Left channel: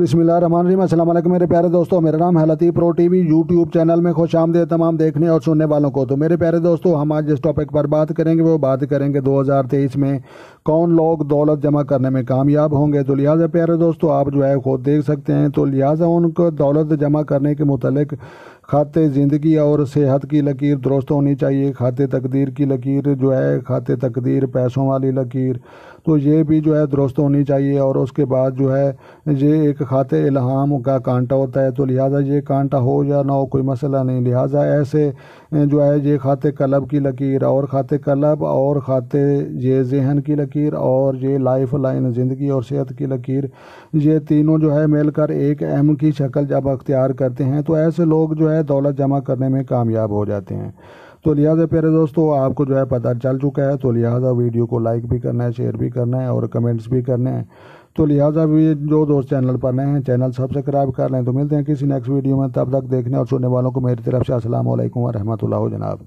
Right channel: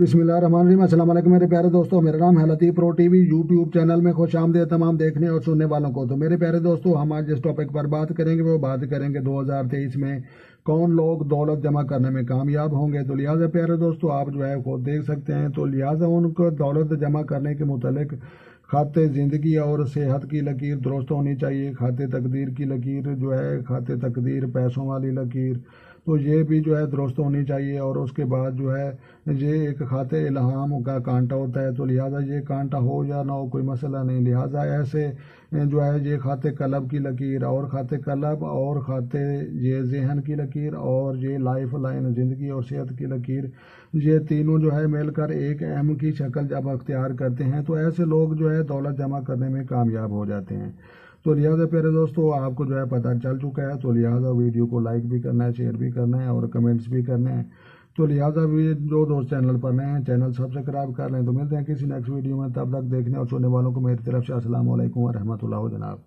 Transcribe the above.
बिस्मिल्लाहिर्रहमानिर्रहीम। अस्सलाम वालेकुम मेरे प्यारे दोस्तों, मेरा नाम है लतीफ़ प्रो टीवी यूट्यूब चैनल में खुश आमदीद तमाम देखने और सुनने वालों को। तो मेरे प्यारे दोस्तों, हम आज जिस टॉपिक पर बात करेंगे वो बात करेंगे 2023 में कौन लोग दौलत जमा करने में कामयाब होंगे। तो लिहाजा प्यारे दोस्तों, आप जो है खुद देख सकते हैं। तो लिहाजा उनको दौलत जमा करने के मुतालिक खाते ज़िंदगी और सेहत की लकीर दुरुस्त होनी चाहिए। खाते तकदीर की लकीर जो है, खाते तकदीर पैसों वाली लकीर, तो ये भी जो है दुरुस्त होनी चाहिए। और उसके बाद जो है ये एक खाते इल्हाम का कांटा होता है। तो लिहाजा ये कांटा हो या ना हो कोई मसला नहीं। लिहाजा ऐसे जो है ये खाते कलब की लकीर और खाते कलब और खाते ये जहन की लकीर और ये लाइफ लाइन ज़िंदगी और सेहत की लकीर, ये तीनों जो है मिलकर एक अहम की शक्ल जब अख्तियार करते हैं तो ऐसे लोग जो है दौलत जमा करने में कामयाब हो जाते हैं। तो लिहाजा प्यारे दोस्तों, आपको जो है पता चल चुका है। तो लिहाजा वीडियो को लाइक भी करना है, शेयर भी करना है और कमेंट्स भी करने हैं। तो लिहाजा भी जो दोस्त चैनल पर नए हैं चैनल सब्सक्राइब कर लें। तो मिलते हैं किसी नेक्स्ट वीडियो में, तब तक देखने और सुनने वालों को मेरी तरफ से अस्सलाम वालेकुम व रहमतुल्लाह जनाब।